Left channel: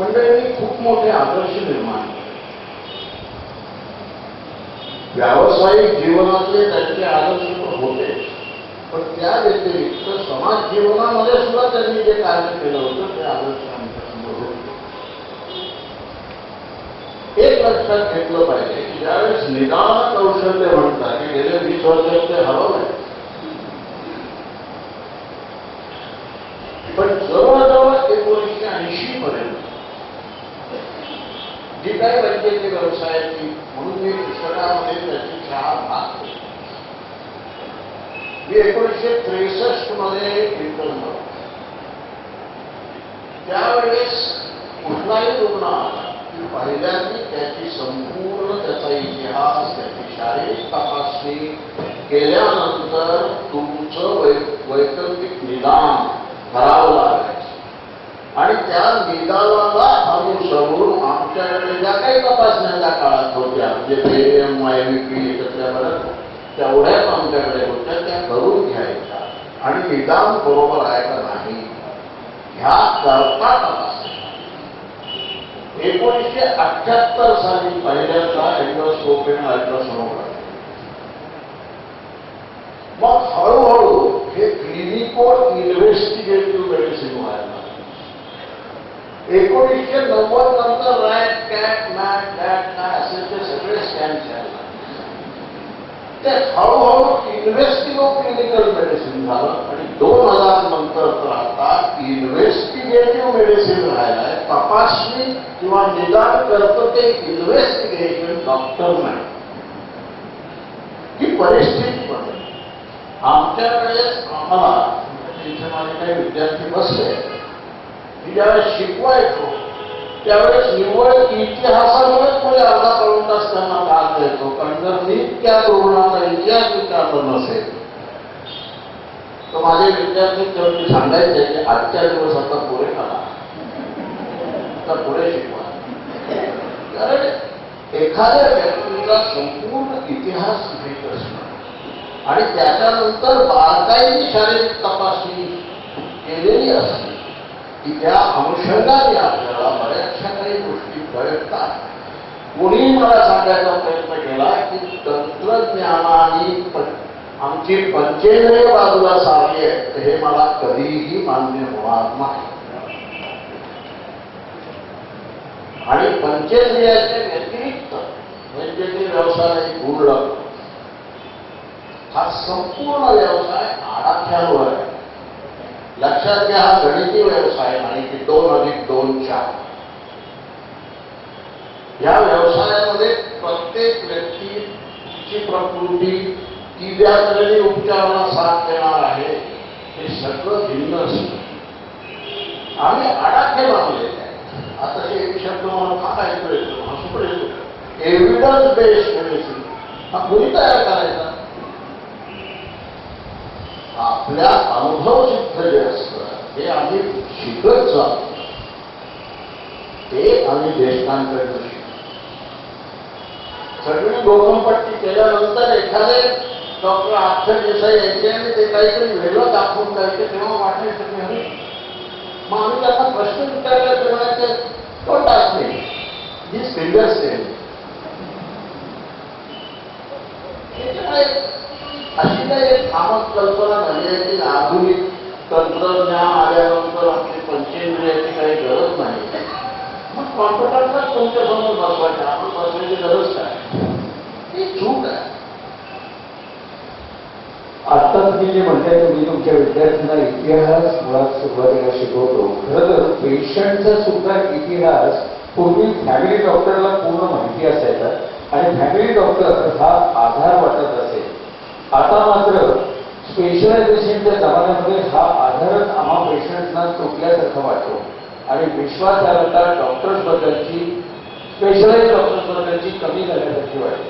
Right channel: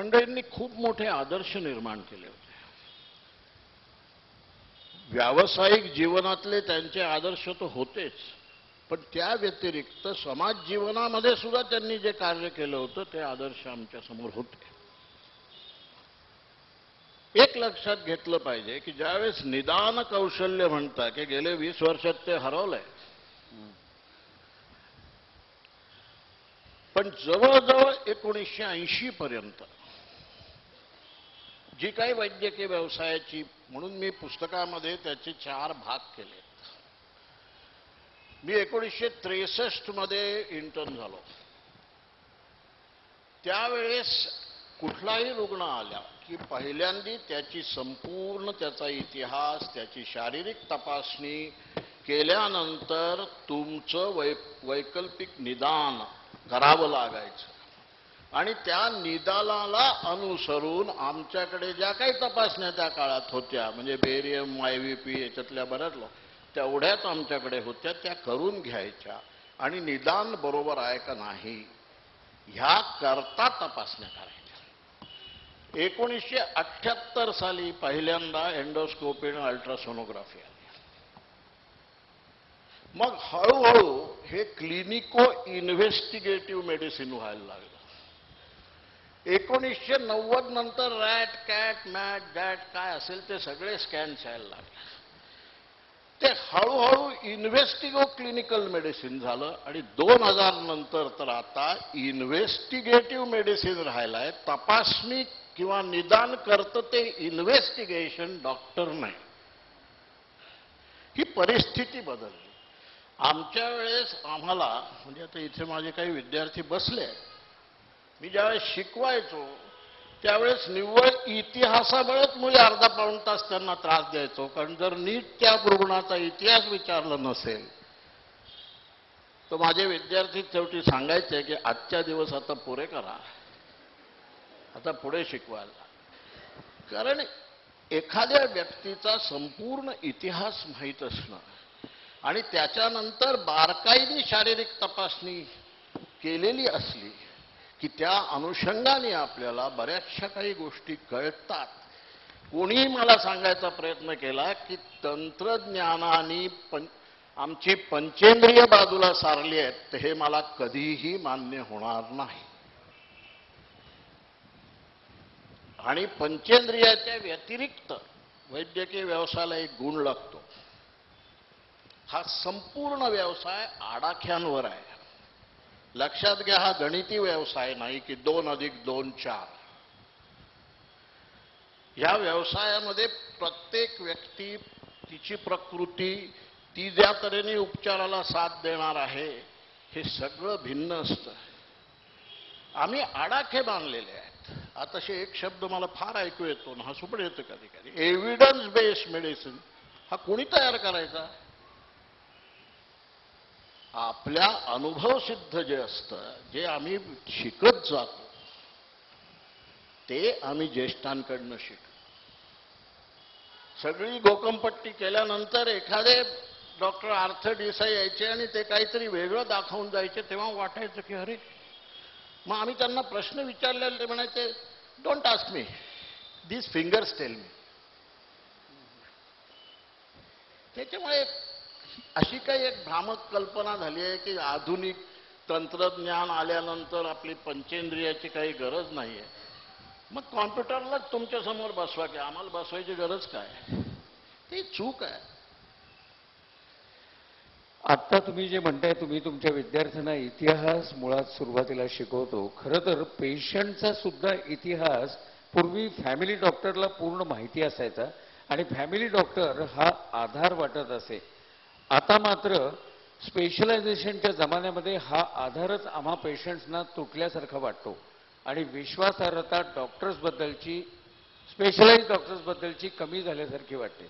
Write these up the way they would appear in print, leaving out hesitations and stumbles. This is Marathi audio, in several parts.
मंडळींनी खूप मोठे आदर्श निर्माण केले. व्यावसायिक जीवनातले त्यांचे आदर्श होते, पण त्या व्यतिरिक्त समाज जीवनामध्ये सुद्धा त्यांनी जे कार्य केलं होतं ते आदर्श आमच्यासमोर होते. एक लक्षात घेतलं पाहिजे की ज्यावेळेस निदान कौशल्य म्हणतात की गेले 20 वर्षात ते हरवलंय, पण जवळजवळ 1980 पर्यंत जी काही वैद्यकीय व्यवसायाची, म्हणून मी पुस्तकामध्ये त्याची 4 भाग केले. मी 1963 मध्ये इंटर्न झालो. त्यावेळेस कुठलाही रुग्ण आला की पहिल्यांदा त्याची संपूर्ण त्याचा इतिहास, त्याची शारीरिक तपासणी केल्यानंतर तुमचं वैकल्पिक निदान करावं लागायचं आणि त्या निदानाला अनुसरून आमच्याकडे ज्या काही तपासण्या त्या काळात होत्या, म्हणजे बेएम, IVP तेवढ्याच आमच्याकडे होत्या, त्या करून घ्यायच्या आणि निदान बरोबर आहे का नाही ह्या करता तपासण्या. 1978 साली पहिल्यांदा एंडोस्कोपी आणि अल्ट्रासोनोग्राफी. मग हळूहळू हे क्लिनिकल इन्व्हेस्टिगेटिव्ह मेडिसिन व्हायला. 1990 नंतर रॅट, कॅट, मॅट, कॅट काय असेल ते सगळे स्कॅन्स यायला. ते हळूहळू इन्व्हेस्टिगेटिव्ह क्लिनिकल मेडिसिन झालं आणि 2000 नंतर तर आता इन्व्हेस्टिगेटिव्ह मेडिसिन राहिलाय. तपासणी किंवा निदान करतं ते इन्व्हेस्टिगेशन डॉक्टर नाही. ही परिस्थिती बदलली. आमच्याकडे आम्हाला इथे माझे काही विद्यार्थी बसले, मी ज्यावेळेस शिकवायचो त्यावेळेस निवड इतिहासावरच पुढे अर्धा पाऊण तास त्यांना लागता येतो, कारण जर नीट त्या रुग्णाचा इतिहास विचारला नसेल तर माझे विद्यार्थी तेवढे सांगायचे की आजच्या दिवस आता पुढे करा, आता पुढे शिकवा. कारण एखाद्या व्यक्तीचा संपूर्ण इतिहास माहीत असणं आणि त्याच्यानंतर बारकाईने शारीरिक तपासणी केलेली असते की त्या अनुषंगाने आपल्याला बऱ्याचशा काही गोष्टी कळतात. कोणी मला सांगायचा प्रयत्न केला की तंत्रज्ञानाने आमची पंचेंद्रिय बाजूला सारली आहे, हे मला कधीही मान्य होणार नाही. आणि पंचेंद्रियाच्या व्यतिरिक्त वैद्यकीय व्यवसाय गुण लागतो. हा संपूर्ण व्यवसाय आडाख्यावर आहे. लक्षात घ्या, हा गणिती व्यवसाय नाही की 2 अधिक 2 4. या व्यवसायामध्ये प्रत्येक व्यक्ती, तिची प्रकृती, ती द्यालेली उपचाराला साथ देणार आहे, हे सगळं भिन्न असतं. आम्ही आडाखे लावलेले आहे. आता हे एक शब्द मला फार ऐकू येतो, हसून येतो, एव्हिडन्स बेस्ड मेडिसिन. हा कोणी तयार करायचा? आपल्या अनुभव सिद्ध जे असतं हे आम्ही शिकत जातो, ते आम्ही ज्येष्ठांकडनं शिकतो. सगळी डोकंपट्टी केल्यानंतर एखादे डॉक्टर अक्षर देसाई यायचे आणि ते काहीतरी वेगळं दाखवून जायचे, तेव्हा वाटायचं की अरे मग आम्ही त्यांना प्रश्न विचारला करण्याचे don't ask me this fingers same. अशी काही कामच कल्पना झाली आहे की आधुनिक तंत्रज्ञान आल्यानंतर आपली पंचेंद्रियाची काही गरज नाही. मग कॉम्प्युटरचा तुमच्या समोर बसवायचा, आपण बसवायची गरज काय? ही चूक आहे. आता तुम्ही जे म्हणताय, तुम्ही तुमच्या विद्यार्थ्यांना इतिहास मुळात सुरुवातीला शिकवतो. खरं तर पेशंटचा सुद्धा इतिहास पूर्वी फॅमिली डॉक्टरला पूर्ण माहिती असायचा आणि फॅमिली डॉक्टर हा आधार वाटत असेल. आता मात्र स्पेशलायझेशनच्या जमान्यामध्ये हा आधारच आम्हा पेशंटना तुटल्यासारखा वाटतो आणि विश्वासार्हता डॉक्टर्स बद्दलची, स्पेशलाइज डॉक्टर्स बद्दलची कमी झाल्यासारखी वाटते.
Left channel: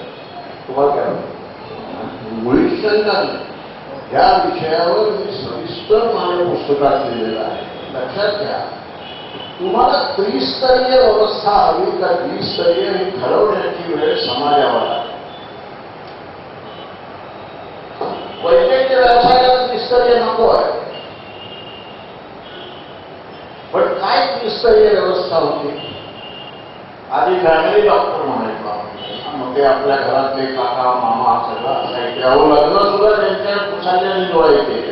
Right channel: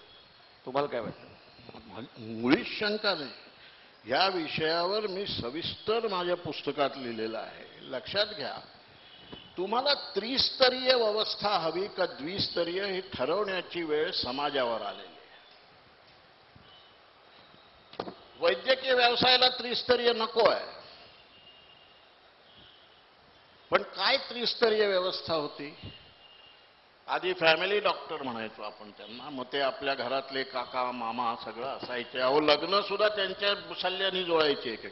तुम्हाला काय वाटतं? मुळीच या विषयावर मी सविस्तर माझ्या पुस्तकात लिहिलेलं आहे. लक्षात घ्या, तुम्हाला त्रिस्तरीय व्यवस्था हवी का द्विस्तरीय हे ठरवण्याची वेळ समाजावर आहे. वैद्यकीय व्यवसायाला त्रिस्तरीय नको आहे, पण काय त्रिस्तरीय व्यवस्था व्यवस्था होती. आधी फॅमिली डॉक्टर म्हणायचो आपण. मग ते आपल्या घरातले काका मामा सगळं असायचे. अहो लग्न सुद्धा त्यांच्या पुसायला जोडायचे.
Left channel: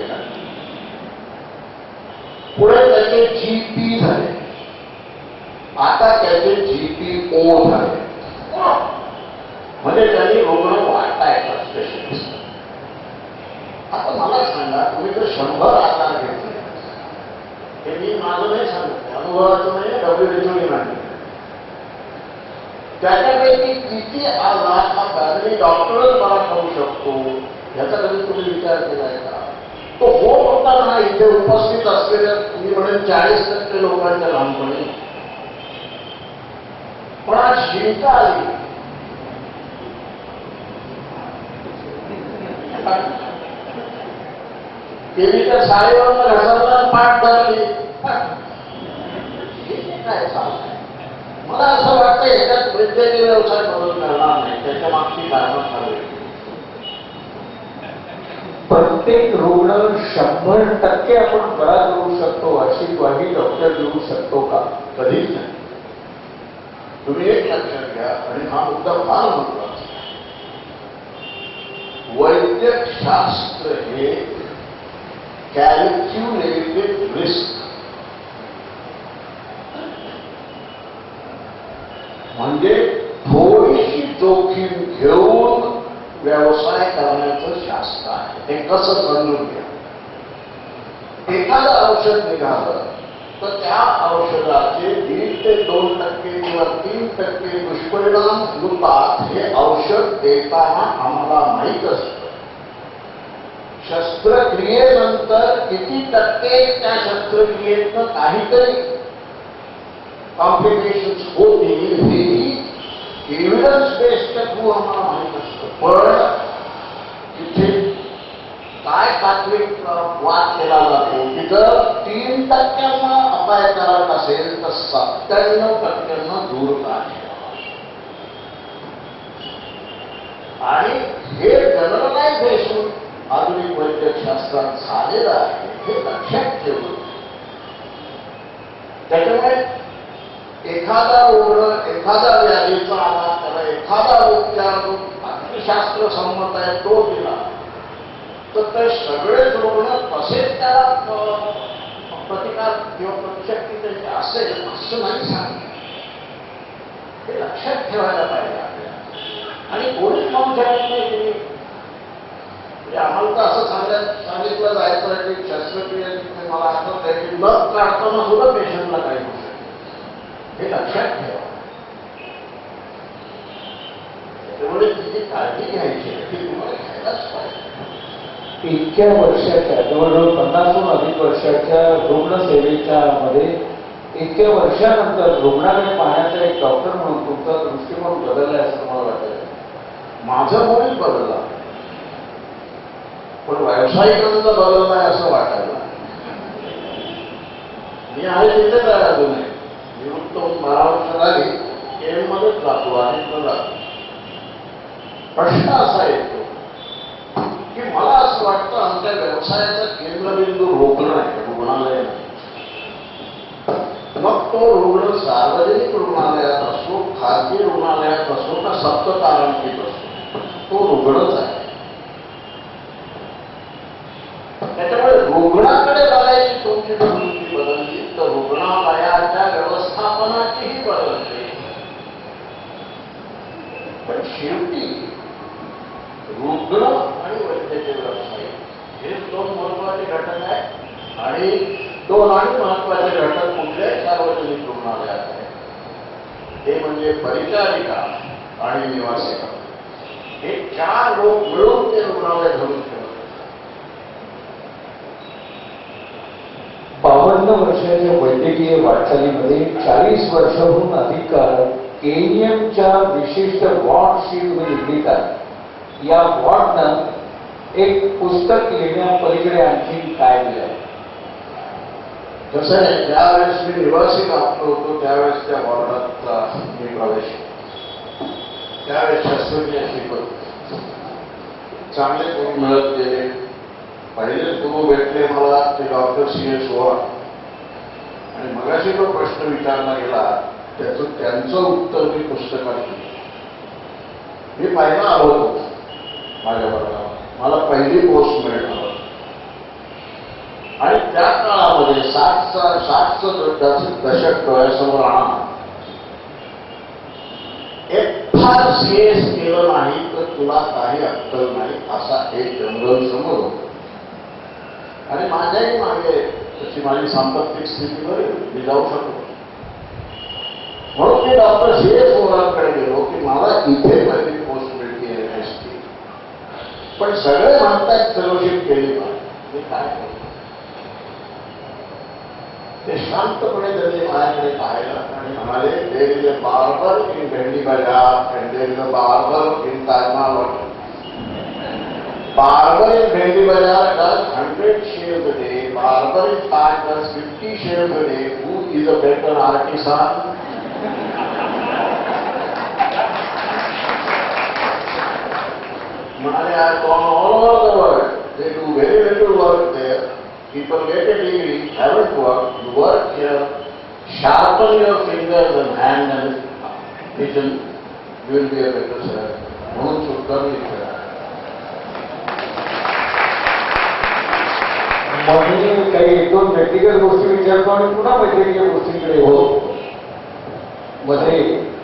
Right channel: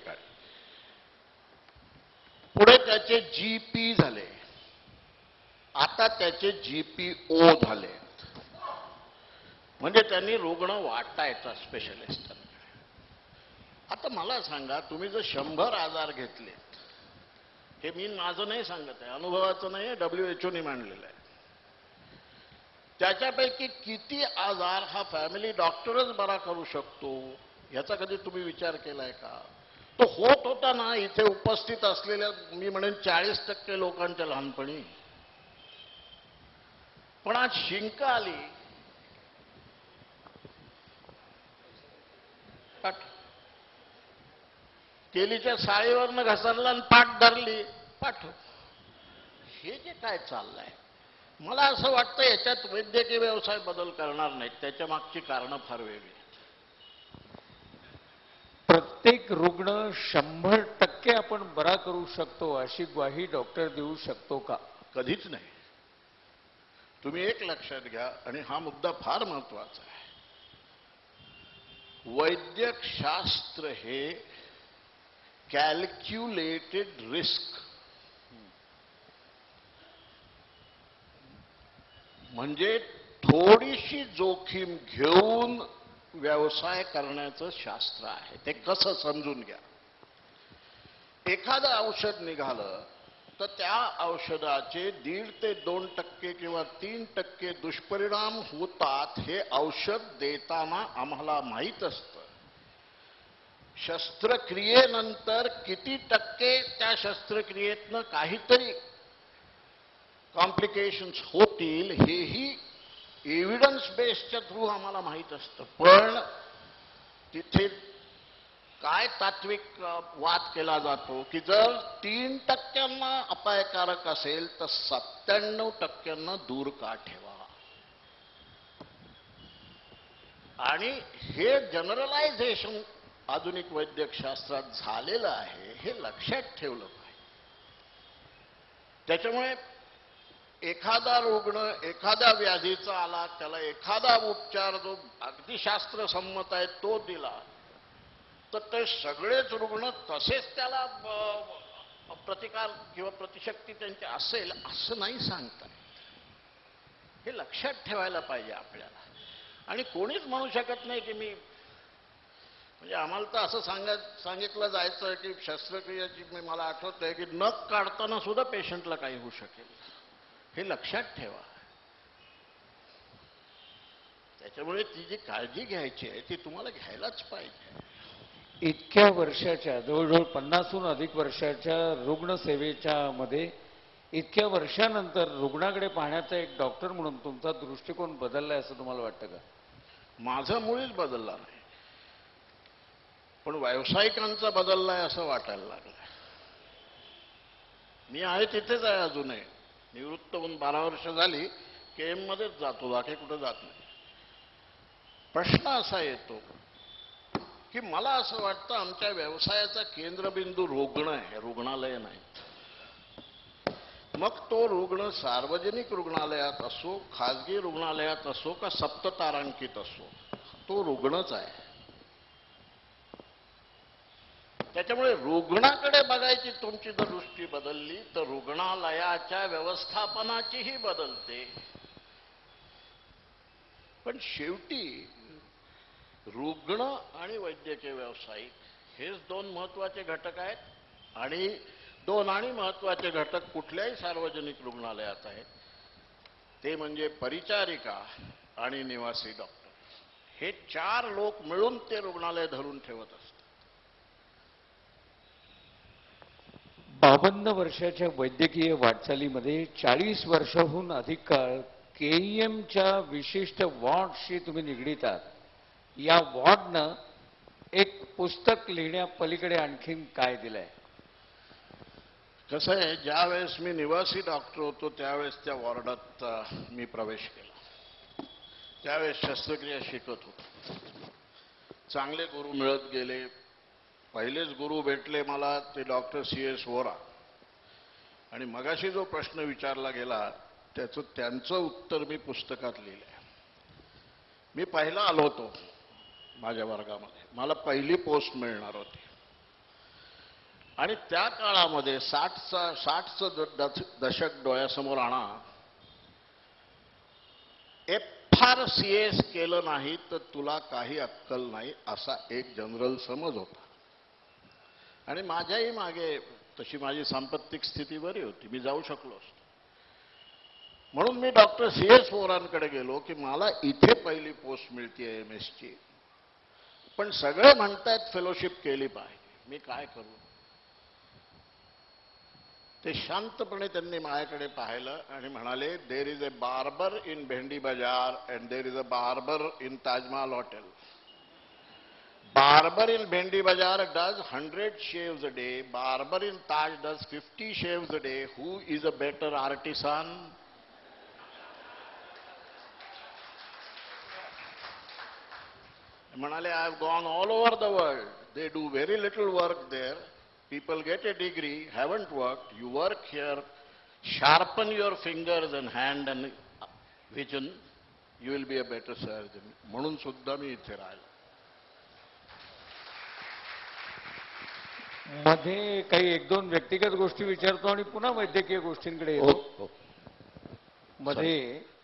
पुढे त्याचे GP झाले. आता त्याचे GPO झाले. म्हणजे त्यांनी रुग्ण वाटायचा स्पेशलिस्ट. आता मला सांगा, तुम्ही जर 100 आजार घेतले, हे मी माझं नाही सांगत, अनुभवाचं नाही, WHO नाही, त्याच्यापैकी किती आजार हा फॅमिली डॉक्टरच मला करू शकतो याचा कधी तुम्ही विचार केलाय का? तो होत होता ना इथे उपस्थित असलेल्या तुम्ही म्हणेल 40% लोकांच्या लहानपणी. पण आज शिंका आली. देवीच्या साडीवरनं घसरला पाठ टाकली. काय चाललंय? मला असं वाटतं याच्यात वैद्यकीय व्यवसाय बदल करणार नाही. त्याच्या मागची कारणं चालू. प्रत्येक रुग्ण 100% आपण बरा करू शकतो अशी ग्वाही डॉक्टर देऊ शकतो का? कधीच नाही. तुम्ही एक लक्षात घ्या, आणि हा मुद्दा फार महत्वाचा. वैद्यक शास्त्र हे कॅल्क्युलेटेड रिस्क, म्हणजे थोडीशी जोखीम घेऊन व्यवसाय करण्याचं शास्त्र आहे. ते कसं समजून घ्या. एखादं औषध निघालं तर त्या औषधाचे 1 ते 2% किंवा 3% दुष्परिणाम होतात. हे औषध देताना आम्हाला माहीत असतं. शस्त्रक्रियेनंतर किती टक्के त्या शस्त्रक्रियेतनं काहीतरी कॉम्प्लिकेशन्स होतील हेही एव्हिडन्स बेस्डच्या थ्रू आम्हाला माहीत असतं. पण तिथे काय तात्विक वाद केला जातो की जर 3% अपायकारक असेल तर 97% दूर काय. आणि हे जनरलायझेशन आधुनिक वैद्यकशास्त्रात झालेलं आहे, हे लक्षात ठेवलं. त्याच्यामुळे एखादा रुग्ण एखादा व्याधीचा आवाज त्याला एखादा उपचार जो अतिशास्त्र संमत आहे तो दिला तर ते सगळेच रुग्ण तसेच त्याला प्रतिकार किंवा प्रतिशक्ती त्यांची असेल असं नाही सांगितलं. हे लक्षात ठेवायला पाहिजे आपल्याला. आणि कोणीच म्हणू शकत नाही तुम्ही आम्हाला तर असं सांगितलं जायचं की शस्त्रक्रिया तिथे मला आठवत आहे की लस काढताना सुद्धा पेशंटला काही होऊ शकते. हे लक्षात ठेवा. त्यामुळे तिची काळजी घ्यायची ती तुम्हाला घ्यायलाच पाहिजे. इतक्या वर्षाच्या जवळजवळ 50हून अधिक वर्षाच्या रुग्णसेवेच्या मध्ये इतक्या वर्षानंतर रुग्णाकडे पाहण्याचा एक डॉक्टर म्हणून तुमचा दृष्टिकोन बदललाय असं मला वाटतं. माझं मुळीच बदलला, पण व्यावसायिकांचा बदललाय असं वाटायला. मी आहे तिथेच आहे अजूनही. निवृत्त होऊन 12 वर्ष झाली. केम मध्येच जातो आणि जातो. प्रश्न असा येतो की मला असं वाटतं आमच्या व्यवसायाचा केंद्रबिंदू रुग्ण आहे, रुग्णालय. मग तो रुग्ण सार्वजनिक रुग्णालयात असो, खाजगी रुग्णालयात असो का सप्ततारांकित असो, तो रुग्णच आहे. त्याच्यामुळे रुग्णाकडे बघायची तुमची दृष्टी बदलली तर रुग्णालयाच्या व्यवस्थापनाचीही बदलते. पण शेवटी रुग्ण आणि वैद्यकीय व्यावसायिक हे 2 महत्वाचे घटक आहेत. आणि 2 महत्वाचे घटक कुठल्याही सार्वजनिक रुग्णालयात आहेत. ते म्हणजे परिचारिका आणि निवासिका. हे 4 लोक मिळून ते रुग्णालय धरून ठेवतात. 52 वर्षाच्या वैद्यकीय वाटचालीमध्ये 40 वर्षाहून अधिक काळ केनियमच्या विशिष्ट वॉर्ड शीटमध्ये निर्मित आहे. या वॉर्डनं एक पुस्तक लिहिण्यापलीकडे आणखी काय दिलं? कसं आहे, ज्यावेळेस मी निवासी डॉक्टर होतो त्यावेळेस त्या वॉर्डात मी प्रवेश केला. त्यावेळेस शस्त्रक्रिया शिकत चांगले गुरु मिळत गेले. पहिले गुरु भेटले मला ते डॉक्टर CS ओळा. आणि मगाशी जो प्रश्न विचारला गेला त्यांचं उत्तर मी पुस्तकात दिलं. मी पहिला आलो होतो माझ्या वर्गाला, मला पहिली पोस्ट मिळणार आणि त्या काळामध्ये 60चं दशक डोळ्यासमोर आणा, फार सीएस केलं नाही तर तुला काही अक्कल नाही असा एक जनरल समोर होता. आणि माझ्याही मागे तशी माझी सांपत्तिक स्थिती बरी मी जाऊ शकतो. म्हणून मी डॉक्टर सीएस मोरांकडे गेलो की मला इथे पहिली पोस्ट मिळते एमएसटी, पण सगळे म्हणतात फेलोशिप केली पाहिजे. मी काय करतो ते शांतपणे त्यांनी माझ्याकडे पाहिलं आणि म्हणाले, there is a barber in भेंडी बाजार and there is a barber in Taj Mahal. Barber in भेंडी बाजार does 100 shaves a day, barber in Taj does 50 shaves a day. Who is a better artisan? म्हणाले, I have gone all over the world. They do very little work there. People get a degree, haven't worked, you work here, sharpen your fingers and hand and kitchen, you will be a better servant. म्हणून सुद्धा मी इथे मी काही एक दोन व्यक्तिगत गोष्टी विचारतो आणि पुन्हा वैद्यकीय गोष्टींकडे होतो. मध्ये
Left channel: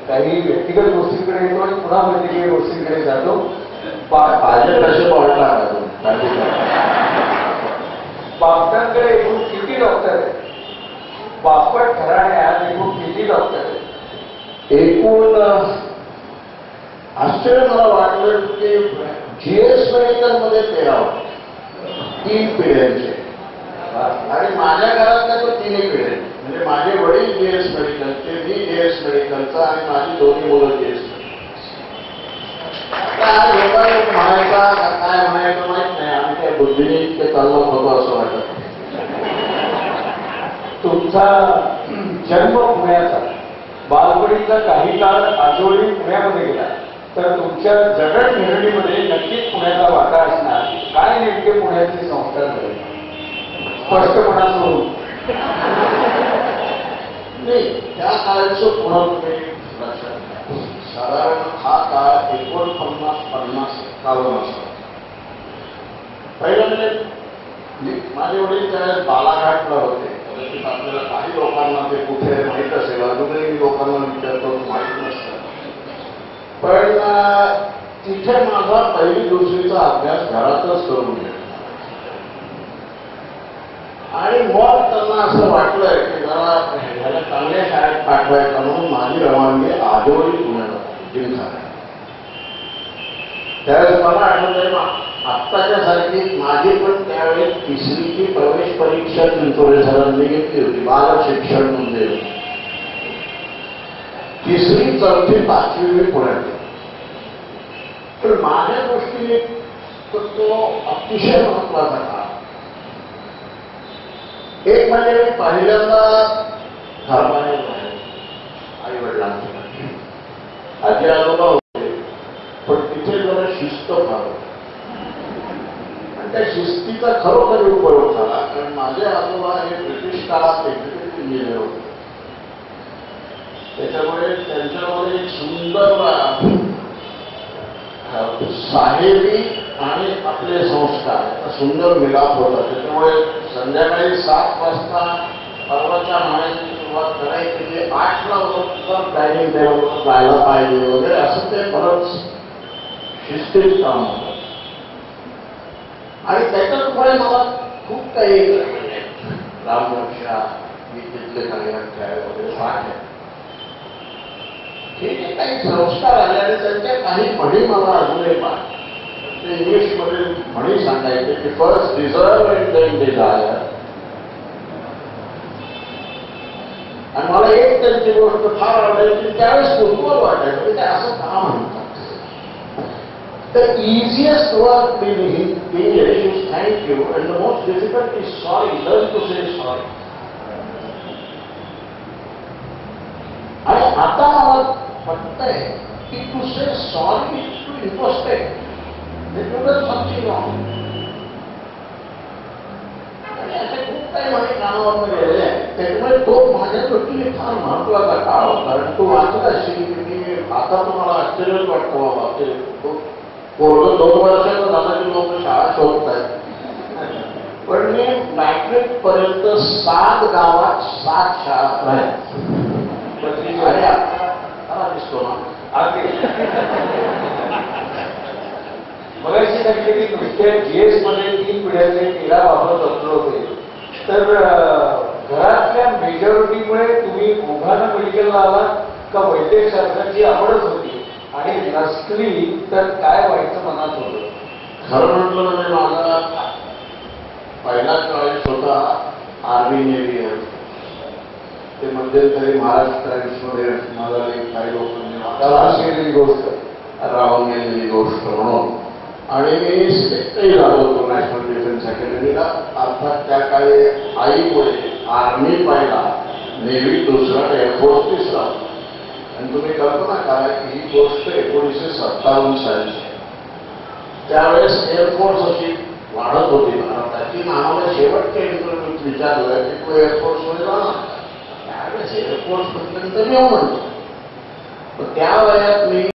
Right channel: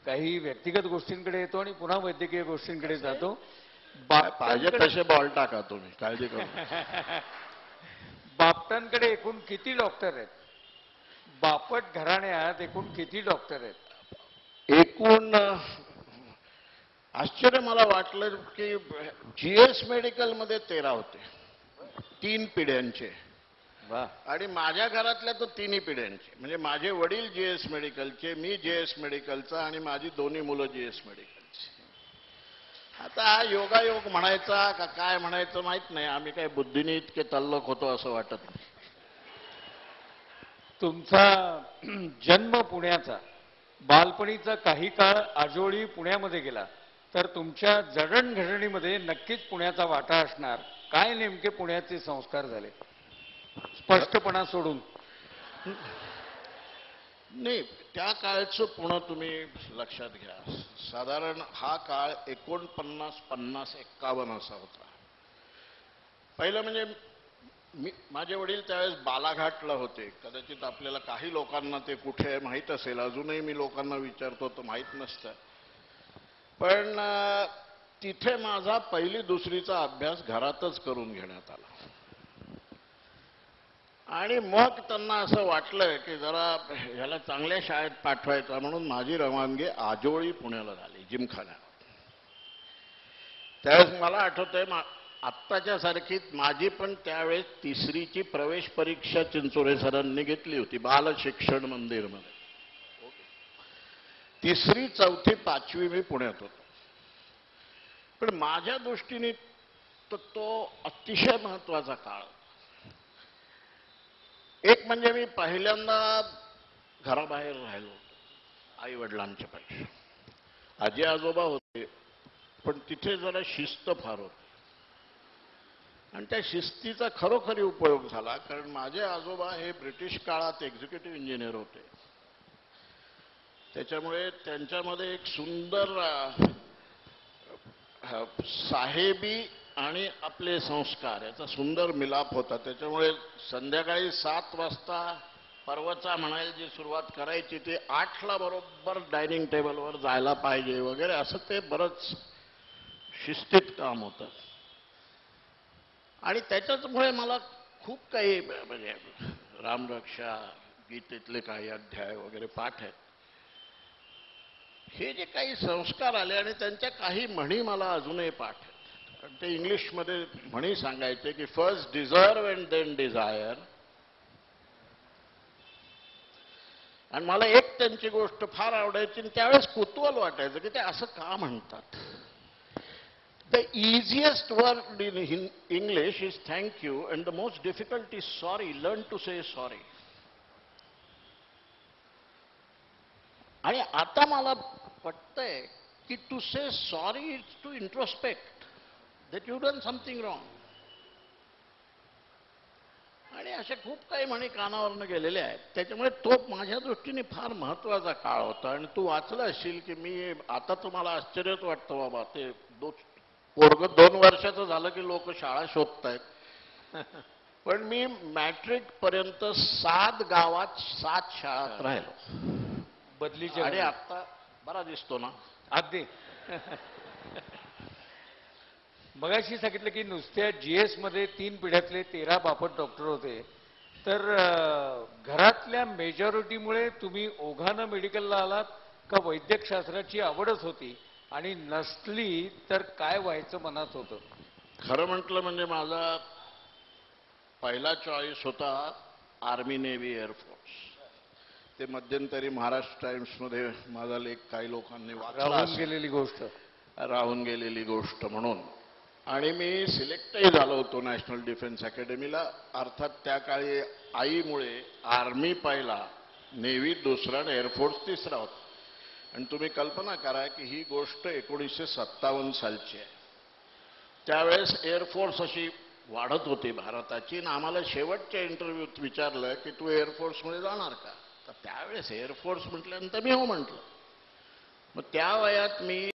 काही व्यक्तिगत गोष्टींकडे येतो आणि पुन्हा वैद्यकीय गोष्टींकडे जातो. माझे कसे वाटणार बापटांकडे एकूण किती डॉक्टर आहेत? बापट घराण्यात एकूण किती डॉक्टर आहेत? एकूण आश्चर्य मला वाटलं की जीएस मेडिकल मध्ये 13 3 पिढ्यांचे आणि माझ्या घरात काय तो 3 पिढ्या. म्हणजे माझे वडील जीएस मेडिकलचे, मी जीएस मेडिकलचा आणि माझी दोन्ही मुलं जीएस मेडिकल. म्हणायचा काय म्हणायचं माहित नाही, आम्ही त्या बुद्धीने इतके चाललो होतो असं वाटत. तुमचा जन्म पुण्याचा, बालपणीचा काही काळ आजोळी पुण्यामध्ये गेला, तर तुमच्या जगत निर्णीमध्ये नक्कीच पुण्याचा वाटा असणार. काय नेमके पुण्याचे संस्कार झाले? स्पष्टपणा सोडून नाही, त्या काळचं पुन्हा तुम्ही लक्षात घ्या. साधारण हा काळ 49-51 असा. पहिलं म्हणजे माझे वडील त्यावेळेस बालाघाटला होते. कदाचित आपल्याला काही लोकांना ते कुठे माहीत असेल, अजूनही लोकांना विचारतो माहीत नसतं. पण तिथे माझा 1ली-2रीचा अभ्यास घरातच करून घेतला आणि मग त्यांना असं वाटलं की जरा ह्याला चांगल्या शाळेत पाठवायचं म्हणून माझी रवानगी आजोळी पुण्याला जिमखाना. त्यावेळेस मला आठवतंय आत्ताच्या सारखी माझी पण त्यावेळेस 3रीची प्रवेश परीक्षा चिंचोळे सरांनी घेतली होती. बाल शिक्षण म्हणजे 3री, 4थी, 5वी पुण्यात. तर माझ्या दृष्टीने तो अतिशय महत्वाचा काळ. एक म्हणजे मी पहिल्यांदा घराबाहेर आई वडिलांच्या आजी आजोबा होते, पण तिथे जरा शिस्त फार होती आणि त्या शिस्तीचा खरोखर उपयोग झाला. कारण माझे आजोबा हे ब्रिटिश काळात एक्झिक्युटिव्ह इंजिनियर होते. त्याच्यामुळे त्यांच्यामध्ये एक सुंदर साहेबी आणि आपले संस्कार सुंदर मिलाप होता. त्याच्यामुळे संध्याकाळी 7 वाजता पर्वाच्या माण्याची सुरुवात करायची, ते 8ला उत्तर डायनिंग टेबलवर जायला पाहिजे वगैरे असं ते बरंच शिस्तीत काम होतं. आणि त्याच्यामुळे मला खूप काही रामरक्षा तिथले काही अध्याय वगैरे पाठ आहे. हे जे काही संस्कार आले आणि त्यांच्या काही म्हणी मला अजूनही पाठ. ते इंग्लिशमध्ये म्हणी सांगायचे की first deserve and then desire. आणि मला एक त्यांची गोष्ट फार आवडायची, त्यावेळेस कुतूहल वाटायचं म्हणजे असं का म्हणतात. The easiest word in English is thank you and the most difficult is sorry. Learn to say sorry. आणि आता मला वाटतंय की to say sorry is to impostate. It was something wrong. आणि असे खूप काही म्हणे कानावर गेलेले आहेत. त्याच्यामुळे तो दृष्टीने फार महत्वाचा काळ होता आणि तो वाचला असेल की मी आता तुम्हाला आश्चर्यच वाटतं बाबा ते वर्ग 2 वर्षाचं झालं की लोक शाळा शोधत आहेत. पण मी मॅट्रिक पर्यंत 7 गावात 7 शाळा आहेत. आणि आता दिसतो ना अगदी मगाशी सांगितले की नुसत्या जीएस मध्ये 3 पिढ्याचे 13 वापर बसले होते. तर घरातल्या मेजॉरिटीमुळे तुम्ही दोघांना मेडिकलला आलात का वैद्यकशास्त्राची आवडच होती आणि नसली तर काय व्हायचं मनात होतं? खरं म्हटलं म्हणजे माझा पहिला चॉईस होता आर्मी नेव्ही. ते मध्यंतरी महाराष्ट्र टाइम्समध्ये मला काही लोकांनी राहून गेलेली गोष्ट राहून गेलेली गोष्ट म्हणून. आणि मी सिलेक्टही झालो होतो नॅशनल डिफेन्स अकॅडमीला. अर्थात त्या काळी आईमुळे आर्मी पहिला, नेव्ही दुसरा, एअरफोर्स तिसरा. आणि तुम्ही कल्पना करा की ही गोष्ट 1957 सालची. त्यावेळेस एअरफोर्स अशी वाढत होती भारताची. आम्हाला शेवटच्या इंटरव्ह्यूत विचारलं की तू एअरफोर्समध्ये जाणार. त्यावेळेस एअरफोर्स पर्यंत घेऊ म्हणतो. त्या वयात मी